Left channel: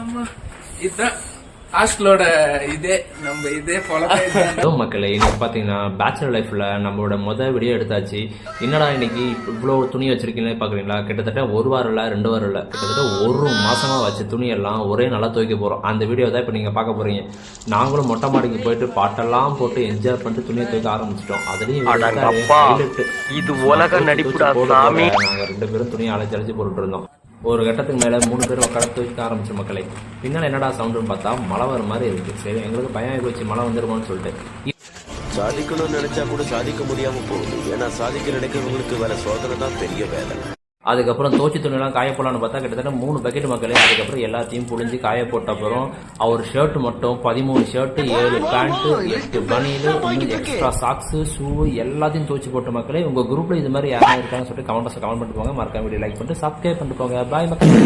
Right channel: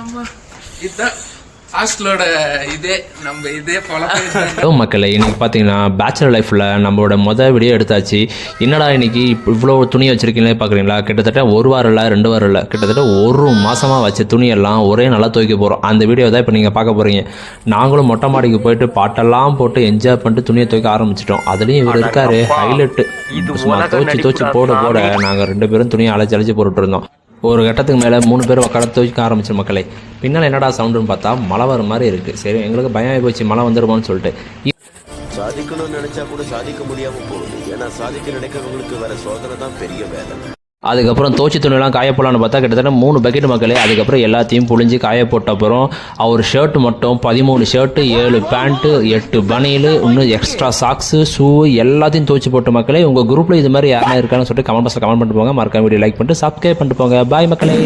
ஆமா இதுதான் ஹாஸ்டலோட இதே ஃபாலோ மக்களே. இன்னைக்கு பார்த்தீங்கன்னா பேச்சுலர் லைஃப்பில் நம்மளோட வீடியோ எடுத்தாச்சு. என்னடா இன்னைக்கு இவ்வளோ துணி வச்சிருக்கீங்களே பார்க்குறீங்களா? கிட்டத்தட்ட 1 வாரம் இல்லை 2 வாரம் இல்லை, கிட்டத்தட்ட 1 மாதமாக வச்ச துணியெல்லாம் ஒரே நல்லா துவைக்க போகிறோம். அந்த வீடியோ தான் இப்போ நீங்கள் பார்க்க போகிறீங்க. நாங்களும் மொட்டை மாடிக்கு போயிட்டு பாட்டெல்லாம் போட்டு என்ஜாய் பண்ணிட்டு துணியை துவைக்க ஆரம்பிச்சிட்டோம். அதுலேயும் இவர் இருக்காரு ஹைலைட்டு. துவைச்சு போட நாங்கள் 2 பேரும் துணியை அழைச்சி போட்டுட்டு இருந்தோம். ஒரு கட்டத்துக்கு மேலே 3 பேர் உட்கார துவைக்க ஆரம்பிச்ச மக்களே. பின்னால் என்னடா சவுண்டுன்னு பார்த்தா மழை வர மாதிரி இருக்குது. சரி, எங்களுக்கு பயம் போச்சு மழை வந்துடுமோன்னு சொல்லிட்டு. சாதிக்கணும்னு நினைச்சா கூட சாதிக்க முடியாம போகுது. ஏன்னா சாதிக்க நினைக்கிறவங்களுக்கு வேற சோதனை தான் பெரிய வேதனை. அதுக்கப்புறம் தோச்சி துணியெல்லாம் காய போடலான்னு பார்த்தா கிட்டத்தட்ட 3 பக்கெட் மக்களே. அதுக்கப்புறம் எல்லாத்தையும் புழிஞ்சு காய போட்ட அப்புறம் அவர் ஷர்ட் மட்டும் 13 ஷர்ட்டு, 7 பேண்ட்டு, 8 பனியல், இன்னும் எக்ஸ்ட்ரா சாக்ஸு, ஷூ எல்லாத்தையும் தோச்சி போட்ட மக்களே. உங்கள் குரூப்பில் இது மாதிரி யாரும் இருக்கான்னு சொல்லிட்டு கமெண்ட் பாக்ஸில் கமெண்ட் பண்ணிட்டு போங்க. மறக்காம வீடியோ லைக் பண்ணிட்டு சப்ஸ்கிரைப் பண்ணிட்டு போங்க. பாய் மக்களே.